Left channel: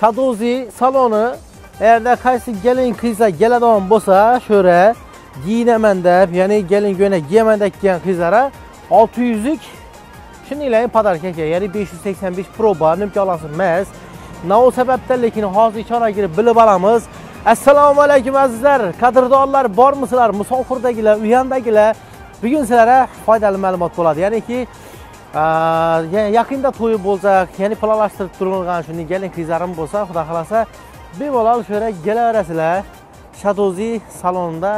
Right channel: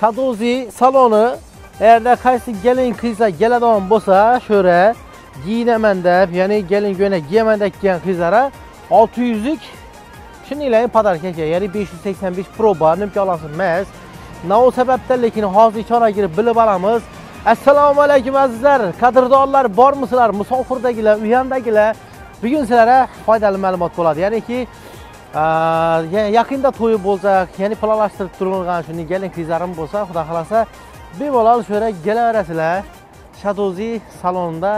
Shadozi saloni eğer qaysi gelin qizlar keladigan bo'lsa, şöyle giyinaman deb, ya'ni gelin ko'ylak giyaman deb kelgan qizlara 600 lik shuninglayam podarka, ya'ni 585 Pro bor, imkonsiz emas. Nima sababdan lekin hozir ichona girib bilib olamiz. Assalomu alaykum azizlar, qadrdonlar bormisizlar? Musofirdagilar, uyandagilar. Bugun sizlarga foydali ma'lumot bo'ladi. Ya'niki yaqinda to'y bo'lsa, ya'ni planlashtirib turilgan shunday gelin qizlarim bo'lsa, xudo xolasa bemalol shöyle kelaverasizlar. Shadozi salonida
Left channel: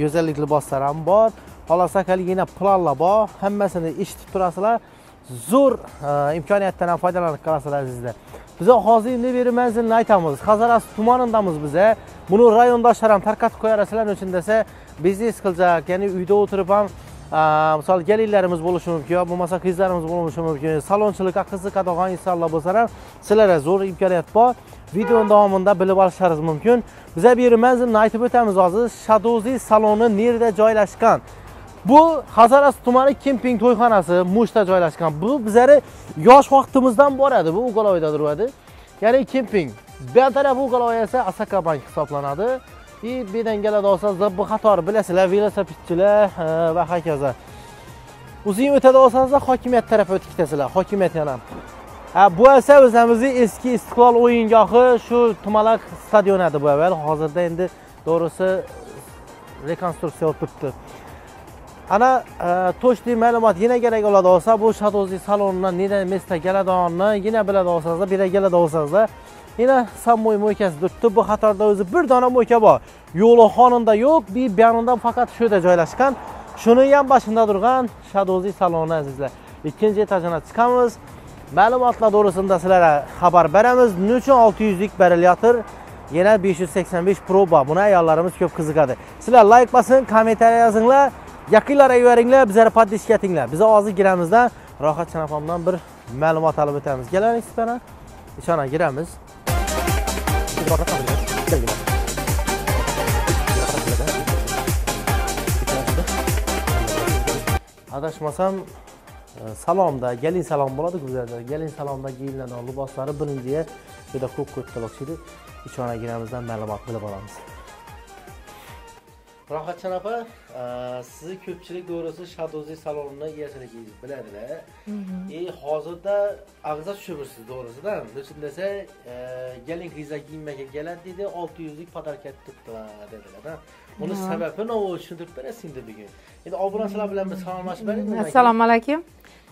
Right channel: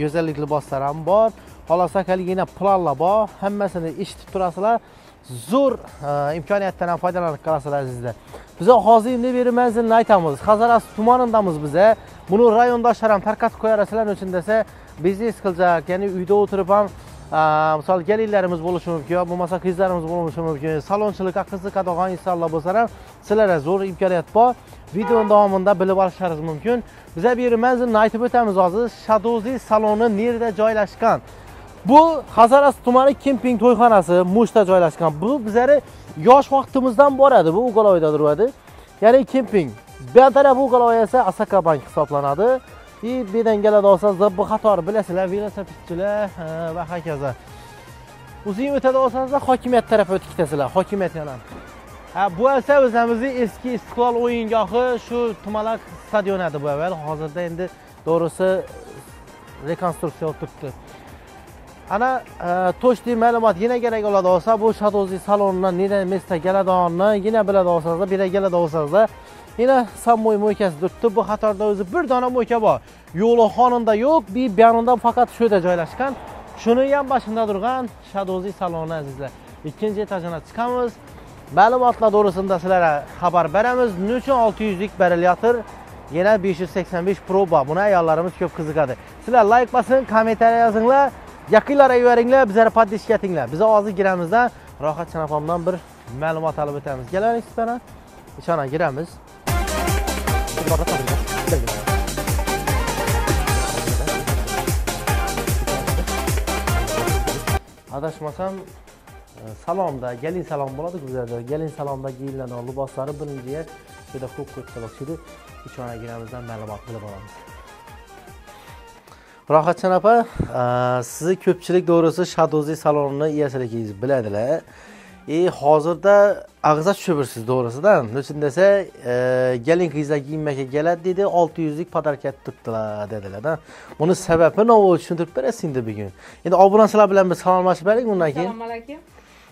go'zallik liboslari ham bor. Xolasa kaligina planlar bor. Hammasini eshitib turasizlar. Zo'r imkoniyatdan ham foydalanib qolasizlar sizlar. Biz hozir nima beramizni aytamiz. Xazaras tumanidamiz biz. Buni rayondoshlar ham tarqatib qo'yarasizlar uchun desa, biznes qiljak, ya'ni uyda o'tirib ham misol gelinlarimiz bo'lishi mumkin, bo'lmasa qizlarimiz bo'lishi mumkin. Salonchilikqa qiziqadigan insonlar bo'lsa ham sizlarga zo'r imkoniyat bor. Video davomida bilib olishingiz mumkin. Biza bu manzilni aytib o'tamiz hozir. Shadozi saloni nereda joylashgan? Bu Xazaras tumani kemping to'yxonasi Mushda joylashgan. Bu bizlari yosh vaqtimizdan boradi. Bu Uqaloyda turadi. Ya'ni kemping. Bu taraf Uqaloy esa Asakabank hisoblanadi. Birdan keladi olsangiz, bu qator bilasizlar, velosipedchilar va hokazo. O'zing o'tadi olsangiz, hokimiyat tarafi o'tib ketasizlar. Hokimiyat yana. Bu esa o'zimizning eski Istiqlol o'yingohi, shu Tumalak stadion edi bu avval. Hozirda endi to'g'risi rekonstruksiya o'tibdi. Ana to'shli ma'lumot yana kerak bo'ladi olsa, bu Shadozi salonidan nega mesda keladiganini yana biladi olsangiz, bir keladi olsangiz, yana Sammoy mo'ykasi turibdi. Bu qatorda o'zi bir dona mo'yka bor. Yo'li xonunda yo'q, bir yanında faqat shu yerda joylashgan. Shuni ham boshida turgan Shadozi saloni azizlar. Ikkinchi etajga chiqamiz. Ma'lumotlar to'g'risida sizlarga xabar beramiz. Nechun 600 lik berilayotir? Yana 585 Pro bor. Buni ayollarimiz ko'p qiziqadi. Sizlar like bosing, kommentariy yozinglar. Yaqinlarga yuboringlar, bizlarga podpishka etinglar. Biz hozir giramizdan Rohat Chanapomdan bir ma'lumot olib o'tamiz. Keling, sizlarga ishona giramiz. Adashmasam salonda, gelin salon bo'ladi bizlarda. Gelin salonda giyiladigan liboslari birinchiga juda ko'p o'xshaydi. Ishona giramizdan ma'lumot bilib olamiz. Rohatjon opa, sizni ko'pchilik to'g'risi Shadozi salonini egachiligingiz biladilar. Hozirda ag'za tushirsiz to'g'risidan. Nechun desa, gelin qizlar kiyinmakka keladi dedi, 600 lik podarka tutdilar dedilar-da. Buni sababi nima bo'lishini tushuntirib berasiz endi bugun. Endi obunachilar bilan bir salomlashib beraylik bundan keyin. Assalomu alaykum.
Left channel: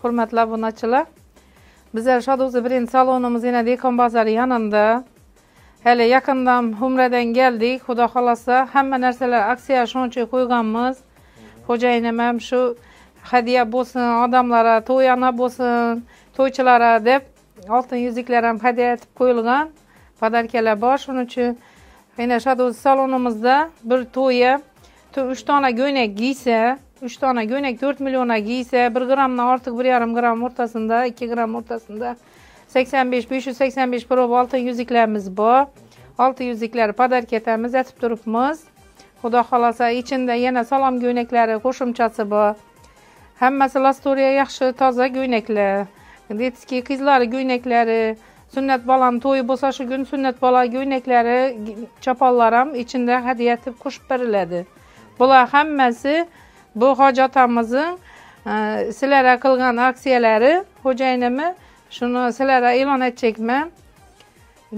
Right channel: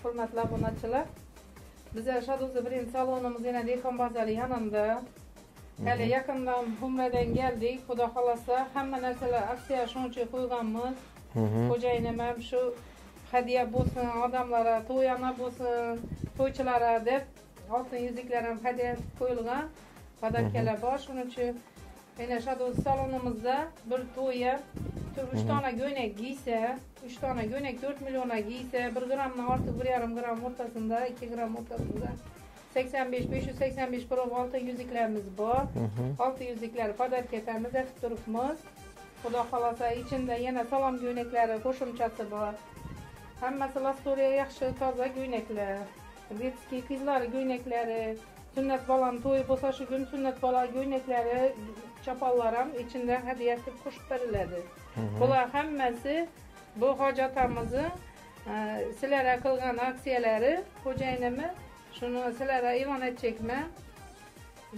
Hurmatli obunachilar. Bizlar Shadozi brend salonimiz yana Dehqon bozori yonida. Hali yaqindan Umradan keldik. Xudo xolasa hamma narsalar aksiya shuncha qo'yganmiz. Xo'jayinim ham shu hadiya bo'lsin, odamlarga to'yana bo'lsin, to'ychilarga deb oltin yuziklar ham hadiya etib qo'yilgan. Podarkalar bor, shuning uchun yana Shadozi salonimizda bir to'yi 3 dona go'ynak giysa, 3 dona go'ynak 4 millionga giysa, 1 grammdan ortiq 1,5 gram o'rtasida, 2 gram o'rtasida 585 Pro oltin yuziklarimiz bor. Oltin yuziklar podarka etamiz, etib turibmiz. Xudo xolasa içinde yana salom go'ynaklari qo'shimchasi bor. Hammasi lastoriya yaxshi, toza go'ynaklar. Detski qizlar go'ynaklari, sunnat bolam to'yi bo'lsa shu kun sunnat bola go'ynaklari, choponlar ham ichida hadiya etib qo'shib beriladi. Bular hammasi bu hojatamizning sizlarga qilgan aksiyalari, xo'jayinimi shuni sizlarga e'lon etchakman.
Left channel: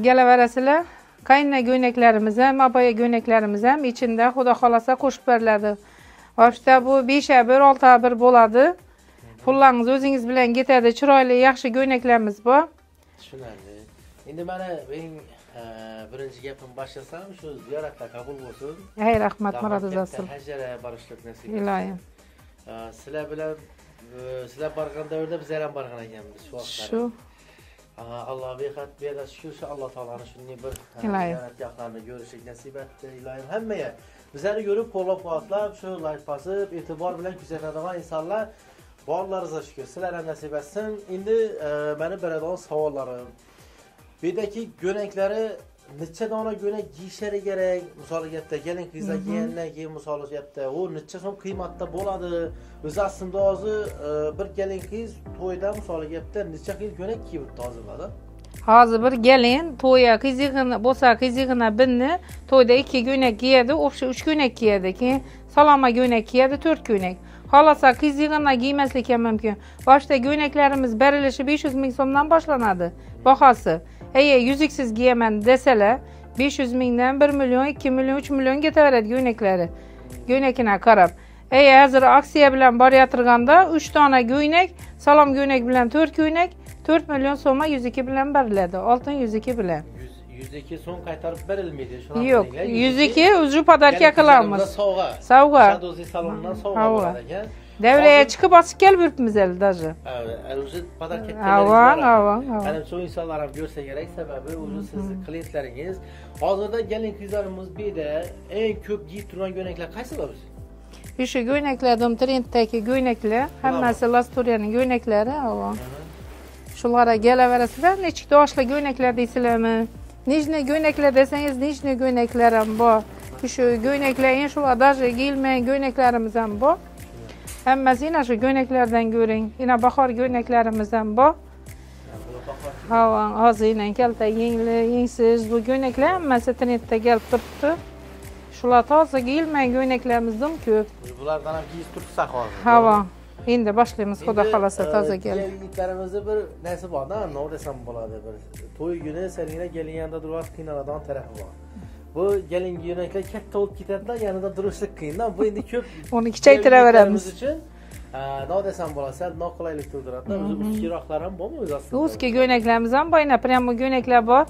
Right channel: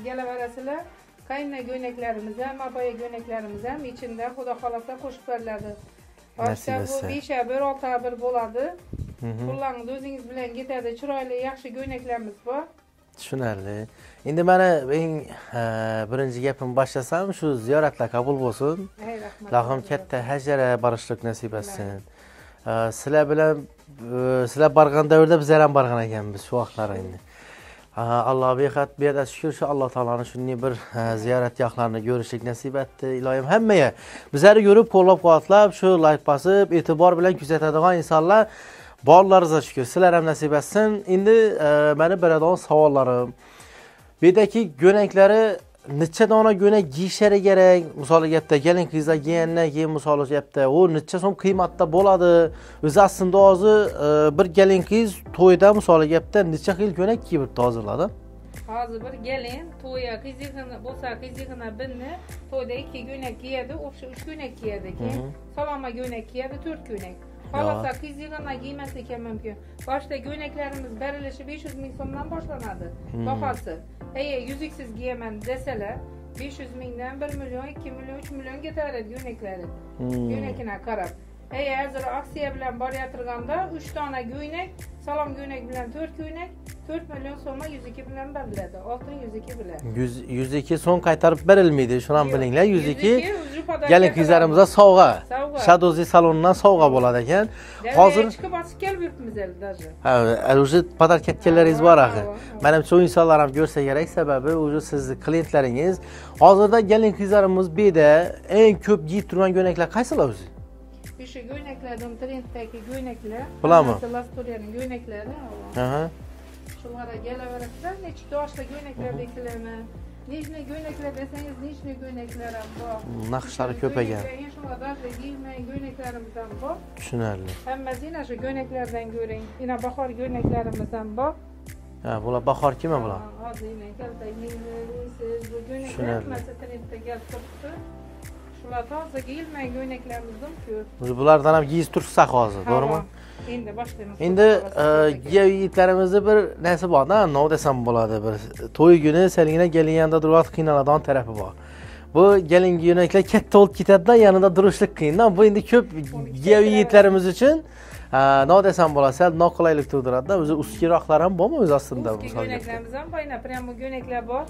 Kelaverasizlar. Qayna go'ynaklarimiz ham, aboya go'ynaklarimiz ham ichida xudo xolasa qo'shib beriladi. Boshda bu 5-bir, 6-bir bo'ladi. Pullarningiz o'zingiz bilan ketadi. Chiroyli, yaxshi go'ynaklarimiz bor. Tushunarli. Endi mana eng birinchi gapim boshlasam, shu ziyoratlar qabul bo'lsin. Ey rahmat, katta hajara borishlik nasib etsin. Sizlar bilan sizlar borgan davrda bizlar ham borgan ekanmiz shu vaqtlarda. Alloh behat berdi, shukr shu Alloh taolaning shunday bir ziyoratgohlarni ko'rishlik nasib etdi. Iloyim hammaga bizlarni ko'rib, qo'llab-quvvatlab, shu like bosib, e'tibor bilan kuzatadigan insonlar borlaringizga shukr. Sizlar ham nasib etsin. Endi meni beradigan savollarim. Bu yerdagi go'naklari necha dona go'nak giyishlari kerak? Misol gapda kelin qizlar kiygandan keyin misol gapda u necha so'm qiymatda bo'ladi? O'zi aslida hozir bir kelin qiz to'yda misol gapda necha xil go'nak kiyib hozirladi? Hozir bir gelin to'ya qizig'ini bo'lsa, qizig'ini binni to'yda 2 ko'ylak kiyadi, o'sha 3 ko'ylak kiyadi, keyin saloma ko'ylak kiyadi, 4 ko'ylak. Xolasa qizig'ini kiymaslik ham mumkin. Boshda ko'ylaklarimiz berilishi 500 ming so'mdan boshlanadi bahosi. Agar yuziksiz kiyaman desalar 500 mingdan 1 million, 2 million, 3 million ketaveradi ko'ylaklari. Ko'ylakina qarab. Hozir aksiya bilan borayotirganda 3 dona ko'ylak, salom ko'ylak bilan 4 ko'ylak 4 million so'mga 102 bilan beriladi. Oltin 102 bilan. 102 so'm qaytarib berilmaydi. Shuni ham bilinglar. 102 uju podarka qilamiz. Sovg'a. Sovg'a. Shadozi salonidan sovg'a bo'ladi ekan. Davaya chiqib bosib kelib yuribmiz hali даже. Ha, уже podarka ketganlaringiz bor ekan. Menimcha u insonlar ham ko'rsa kerak, sababi o'zi sizning klientlaringiz. Hozirda kelin qizlarimiz beda eng ko'p kiyib turgan ko'ylaklar qaysilar o'zi? O'sha ko'ylaklardan trenddagi ko'ylaklar, hammasi Lastoriyaning ko'ylaklari. Shularga kelaverasizlar, nechta yoshli ko'ylaklar deysizlarmi? Nijniy ko'ylaklar desangiz, nijniy ko'ylaklar ham bor. Shu ko'ylaklar, shular даже giyilmagan ko'ylaklarimiz ham bor. Tushunarli. Hammasi yana shu ko'ylaklardan ko'ring. Yana bahor ko'ylaklarimiz ham bor. Ha, bular bahor kim? Ha, hozir yana kalta yengli, yengsiz bu ko'ylaklar hammasi trendda kelib turibdi. Shular toza giyilmagan ko'ylaklarimiz ham ko'p. Bulardan ham giyib tursak hozir. Ha. Endi boshlaymiz, xudo xolasa tozaga. Endi yigitlarimizda bir narsa bor-da, nima desam bo'ladi, bir to'y kuni selingina kelganda turib qiynaladigan tarafi bor. Bu kelingi yo'naklar katta bo'lib ketadi-da, yanida turishlik qiyin. Bu endi ko'p yigitlarimiz uchun nima desam bo'ladi, sal noqulaylik tug'diradi-da. O'zi uskiroqlar ham bormi o'zi aslida? Uski ko'ylaklarimiz ham bor, prямо ko'ylaklar bor.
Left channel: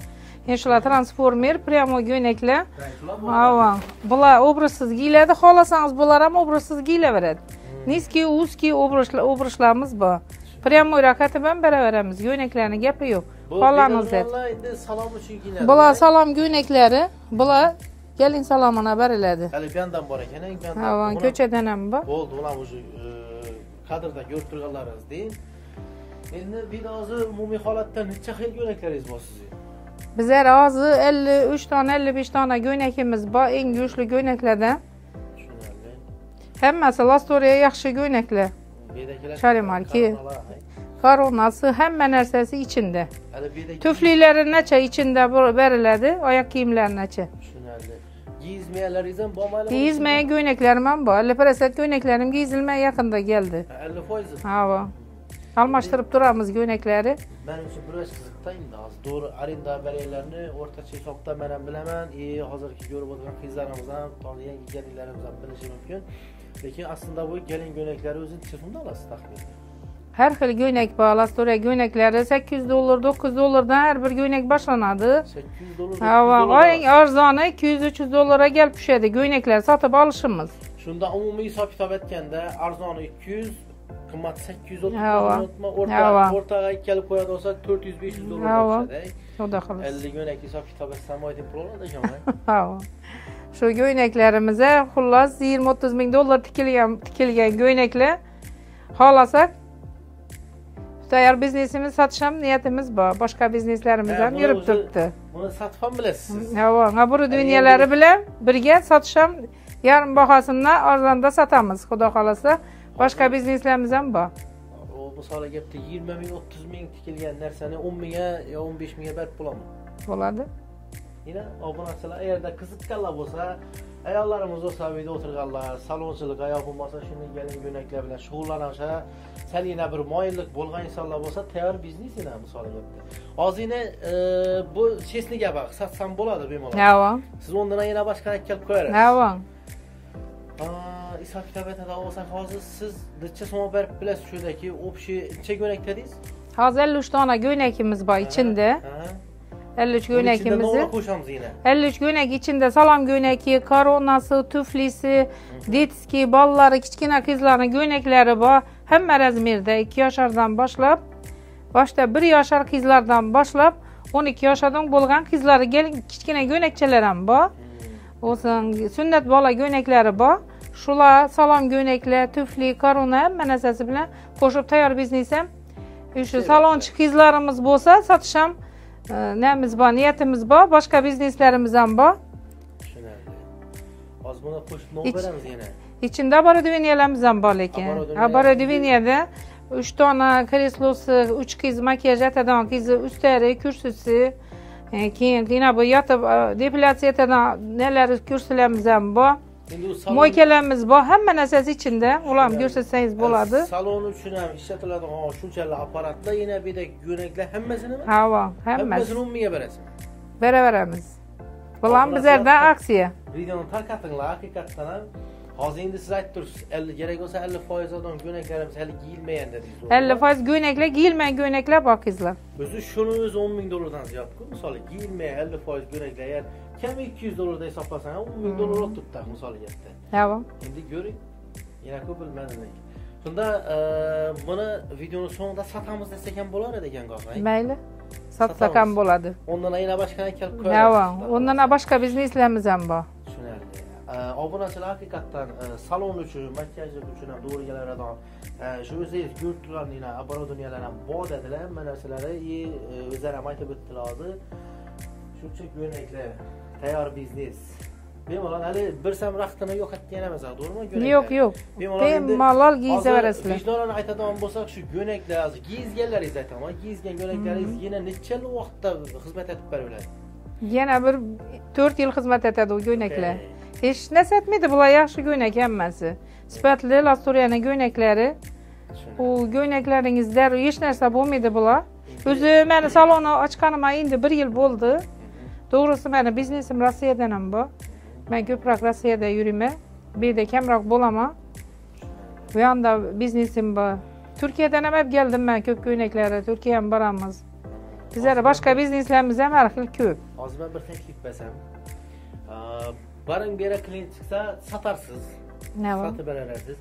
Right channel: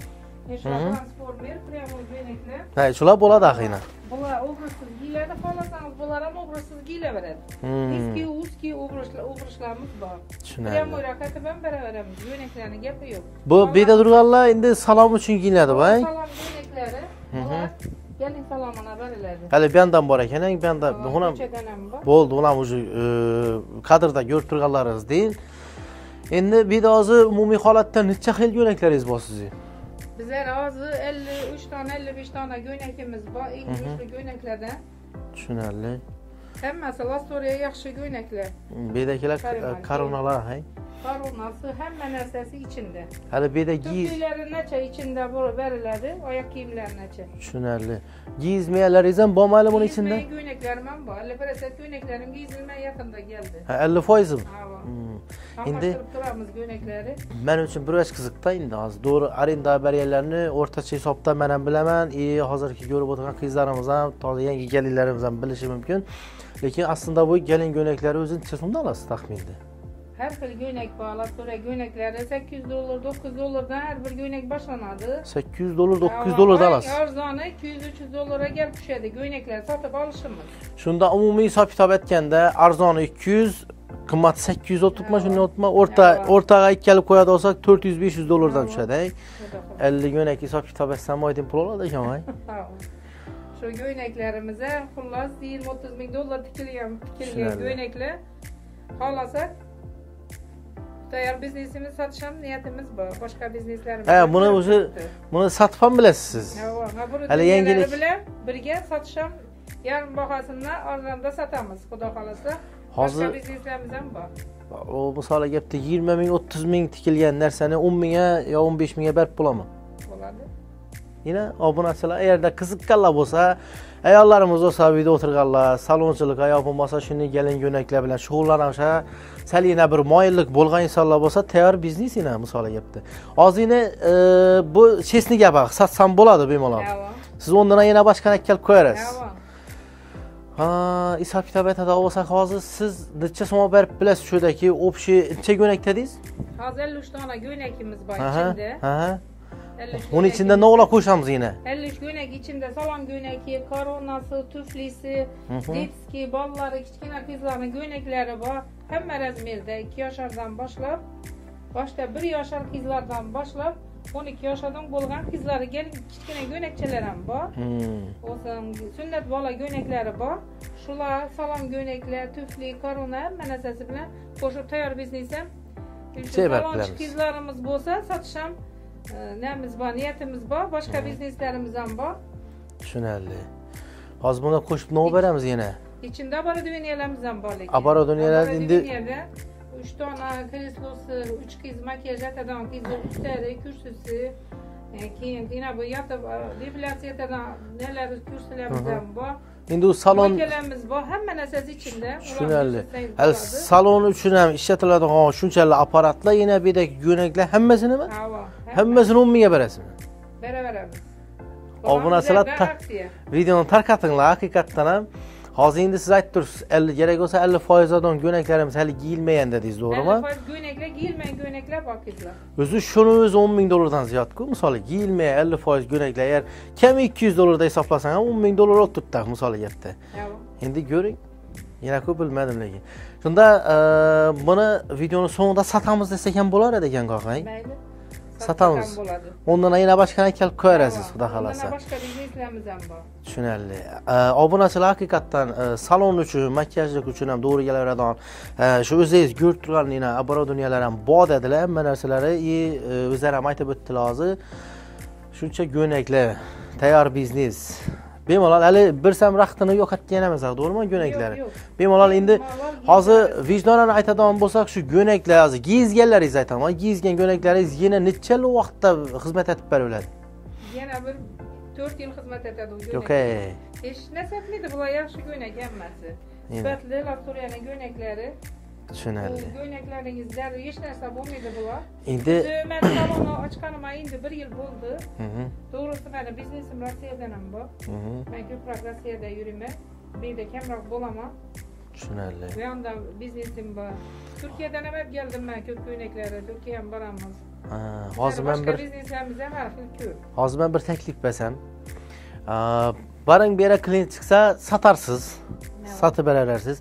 Shular transformer, prямо ko'ylaklar. Ha, shular bo'ladi axiyri. Bular obrazsiz giyiladi, xolasangiz bular ham obrazsiz giyilaveradi. Niski, узкий obrazlarimiz bor. Prямо rakatib ham beraveramiz, ko'ylaklarning gapi yo'q. Bu beda turganlar endi salom uchun giyinadi. Bular salom ko'ylaklari, bular kelin salomini beriladi. Hali bu yerdan bor ekan, bu yerdan. Ko'chadan ham bor. Bo'ldi, ular o'zi kadrda ko'rib turganlaringiz deyin. Endi beda hozir umumiy holatda necha xil ko'ylaklaringiz bor sizning? Bizlar hozir 53 dona, 55 dona ko'ylakimiz bor, eng go'shli ko'ylaklardan. Tushunarli. Hammasi Lastoriya yaxshi ko'ylaklar. Bedakilar koronalar, koronasi, hamma narsasi ichida. Hali bedaki tuflilari nacha ichida beriladi, oyoq kiyimlari nacha. Tushunarli. Giyizmayalaringiz ham bormi hali buning ichida? Giyizmagan ko'ylaklarim ham bor. 50% ko'ylaklarim giyizilmay yaqinda keldi. 50%? Ha. Almashtirib turamiz ko'ylaklari. Men uchun bir oz qiziqda endi hozir to'g'ri arenda bariylarni o'rtacha hisobda men ham bilaman. Hozirgi ko'rib o'tirgan qizlarimiz ham, toza yangi kelinlarimiz ham bilishi mumkin. Lekin aslida bu kelin ko'ylaklari o'zi necha so'mdan olasiz taxminda? Har xil ko'ylak bor, Lastoriya ko'ylaklari $800, $900dan har bir ko'ylak boshlanadi. $800, $900 olasiz. Arzoni $200-300 kelib tushadi ko'ylaklar sotib olishimiz. Shunda umumiy hisob-kitob etganda arzoni 200, qimmat 800 o'tma, o'rtaga ikkilib qo'yadi olsak $400-500 dan tushadi. Xudo xolos. 50 ko'ylak hisob-kitob etsam oyda pul oladi ekan-a. Ha. Shu ko'ylaklarimiz xullas $20-30 ming tikilgan ko'ylaklar. Xolasak tayyor biznesimiz sotish ham niyatimiz bor. Boshqa bizneslarimiz ham yurib turibdi. Buni sotib ham bilasiz. Ha, bu dunyolari bilan birga sotish ham yarim bahosidan arzonda sotamiz, xudo xolasa. Boshqa bizneslarimiz ham bor. O misol gapda 20 ming, 30 ming tikilgan narsani 10 mingga yo 15 mingga berib bo'laman. Bo'ladi. Yine obunachilar agarda qiziqqanlar bo'lsa, ayollarimiz bo'lsa, uyda o'tirganlar, salonchilik yo bo'lmasa shunday kelin ko'ylaklar bilan shug'ullanishsa, salina bir moyillik bo'lgan insonlar bo'lsa, tayyor biznes ina misol gapda. Hozirni bu chesni gap, satsam bo'ladi bemalol. Ha. Siz ondan yana boshqa kelib qo'yarsiz. Ha. Hisob-kitob etada bo'lsak, hozir siz necha so'm berib bilasiz shudaki общий necha ko'ylak dedingiz? Hozir 53 dona ko'ylakimiz bor ichida. 53 Uning ichida nima qo'shamiz yana? 53 ko'ylak ichida salom ko'ylagi, koronasi, tuflisi, detski, bolalari, kichkina qizlarning ko'ylaklari bor. Hamma razmerda 2 yoshlardan boshlab, boshda 1 yoshlar qizlardan boshlab 12 yoshdan bo'lgan qizlarga kichkina ko'ylakchalar ham bor. O'zing sunnat bola ko'ylaklari bor. Shular salom ko'ylaklar, tufli, korona hamma narsasi bilan qo'shib tayyor biznes ham. Shu salonchi qizlarimiz bo'lsa, sotish ham namiz bor, niyatimiz bor, boshqa bizneslarimiz ham bor. Tushunarli. Hozir buni qo'shib nima beramiz yana? İçinde abarodiviniyalarimiz ham bor lekin. Abarodiviniada 3 tane kreslosi, 3 qiz makiyaj etadigan qizi, ustari, kursisi, keyin yana bu yotib depilyatsiya etadigan nelar kursilarimiz ham bor. Endi u salon moykalarimiz bor, hamma narsasi ichida. Ularni ko'rsatsangiz bo'ladi. Salon uchun ham ishlatiladigan shunchalik apparatlar, yana bir de yo'naklar hammasinimi? Ha, hammasini 10 mingga berasizmi? Beraveramiz. Bular bizlardan aksiya. Videoni tarqatinglar, haqiqatdan ham. Hozir endi siz aytdingiz, 50 kerak bo'lsa 50% odam yo'naklarimiz hali giyilmagan dedingiz, to'g'rimi? 50% yo'naklar, giyilmagan yo'naklar bor qizlar. O'zi shuni o'zi 10 ming dollardan ziyod-ku, misol giyilmagan 50% yo'naklar, agar kam 200 dollarda hisoblasang ham 10 ming dollar o'tibdi, misol gapda. Ha. Endi ko'ring. Yana ko'p bilmadim lekin. Shunda buni videoni so'ngida sotamiz desak ham bo'lar edi ekan, qo'qay. Mayli. Satsak ham bo'ladi. Ondan yana boshqa kelib ko'rasiz, xudo xolasa. Ondan boshqa bizneslarimiz ham bor. Tushunarli. Obunachilar haqiqatdan salon uchun, makiyajlik uchun ham to'g'ri kelaveradigan shu o'zingiz ko'rib turgan oborudniyalar ham bor dedilar, hamma narsalari o'zlari ham aytib o'tdilar hozir. Shuncha go'naklar, tayyor biznes. Bemalol hali bir sam vaqtini yo'qotgan emas, to'g'rimi go'naklar? Yo'q. Bemalol endi hozir vijdonan aytadigan bo'lsak, shu go'naklar hozir giyizganlaringiz aytaman, giyizgan go'naklaringiz yana nechalik vaqtda xizmat etib beraveradi? Yana bir 4 yil xizmat etadi u go'naklar. Hech narsa etmaydi, bular yaxshi go'nak hammasi. Sifatli Lasturiyaning go'naklari. Tushunarli. U go'naklaringizda hech narsa bo'lmaydi bular. O'zi meni salonni ochganimga endi 1 yil bo'ldi. To'g'risi meni biznesim Rossiyadan ham bor. Men ko'proq Rossiyada yuraman. Bu yerda kamroq bo'laman. Tushunarli. Bu yoqda biznesim bor. Turkiyadan ham olib keldim men ko'p go'naklarni. Turkiya ham boramiz. Bizlar boshqa bizneslarimiz ham har xil ko'p. Hozir men bir taklif bersam, baring bu yerga klient chiqsa satarsiz. Satib berarsiz.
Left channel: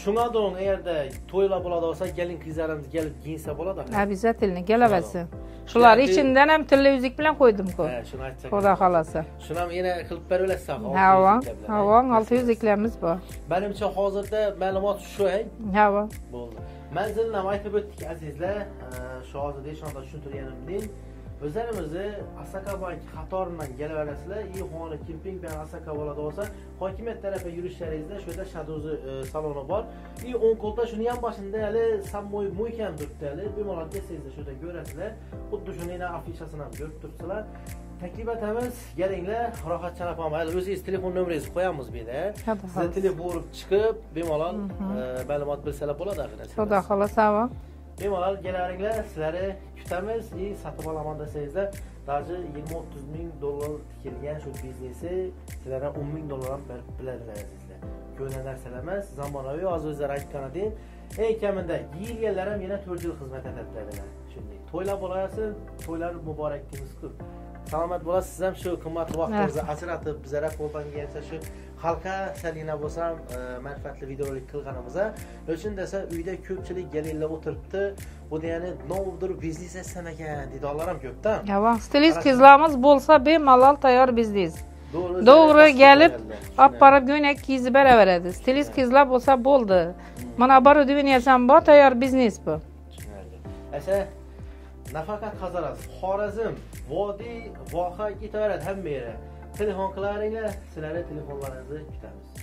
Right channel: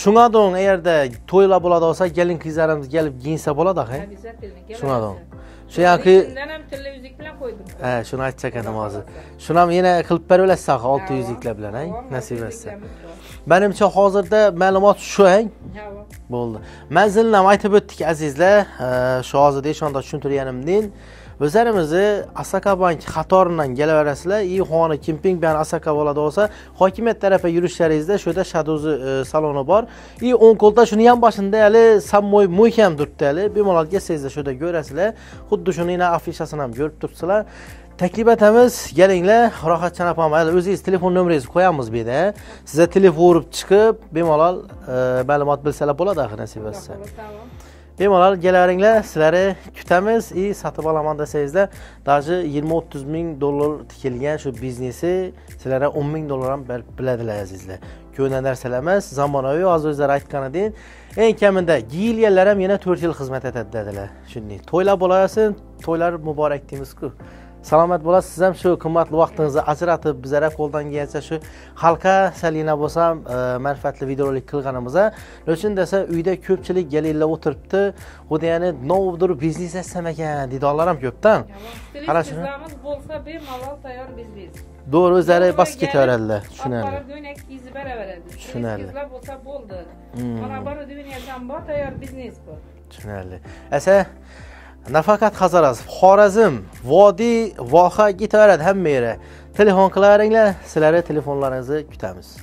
Shunga do'ng agarda to'ylar bo'ladi bo'lsa, kelin qizlarimiz kelib giyinsa bo'ladi, ha? Обязательно kelaversin. Shular ichidan ham tilla uzuk bilan qo'ydim-ku. Ha, shuni aytsak Xudo xolasa. Shuni ham yana qilib beraverasiz, 600 uzuklar bilan. Ha, 600 uzuklarimiz bor. Menimcha hozirda ma'lumot shu, Ha. Bo'ldi. Manzilni ham aytib o'tdik azizlar. Shu hozirda shunda tushuntirganimdan o'zlarimizni Asaka Bank qatoridan kelaverasizlar. Xona kemping bilan Asaka bo'ladi bo'lsa, hokimiyat tarafiga yurishlaringizda shuda Shadozi saloni bor. 10 qo'lda shuni ham boshida hali sammoy muhim turibdi hali. Bemalol kelsangizlar shuda ko'rasizlar. Xuddi shuni afishasini ham ko'rib turibsizlar. Taklif etamiz, kelinglar, rohatchan opam, o'zingiz telefon nomeringizni qo'yamiz bu yerda. Sizga telefon urib chiqib, bemalol ma'lumot bilsalar bo'ladi, axir nasib Xudo etsa. xolasa. Bemalol kelaveringlar, sizlarni kutamiz. Sotib olaman desangizda, даже 20-30 ming dollar tikilgan shu biznesi sizlarga 10 ming dollar ham berib biladilar azizlar. Ko'na narsalar emas, zamonaviy, hozir o'zlari aytganidan eng kamida giyilganlar ham yana 4 yil xizmat etadi dedilar. Shunday. To'ylar bo'lasin, to'ylar muborak deymiz-ku. Salomat bo'lasiz, siz ham shu qimmatli vaqtingizni ajratib, bizlarga qo'ldan kelsa shu xalqqa salina bo'lsam, manfaatli videorolik qilganimizda, uchun desa uyda ko'pchilik galillar o'tiribdi, xuddi ya'ni novdir biznes etsam ekan deydiganlar ham ko'pdan. Stilist qizlarimiz bo'lsa, bemalol tayyor biznes. To'g'ri kelib, olib borib go'nak kiyizib beraveradi. Stilist qizlar bo'lsa bo'ldi. Mana oborudniya ham bor, tayyor biznes bu. Tushunarli. Asa nafaqat Hazaras, Xorazm, Vodiy, voha ketaveradi hamma yere. Telefon qilaveringlar, sizlarga telefonlaringizni kutamiz.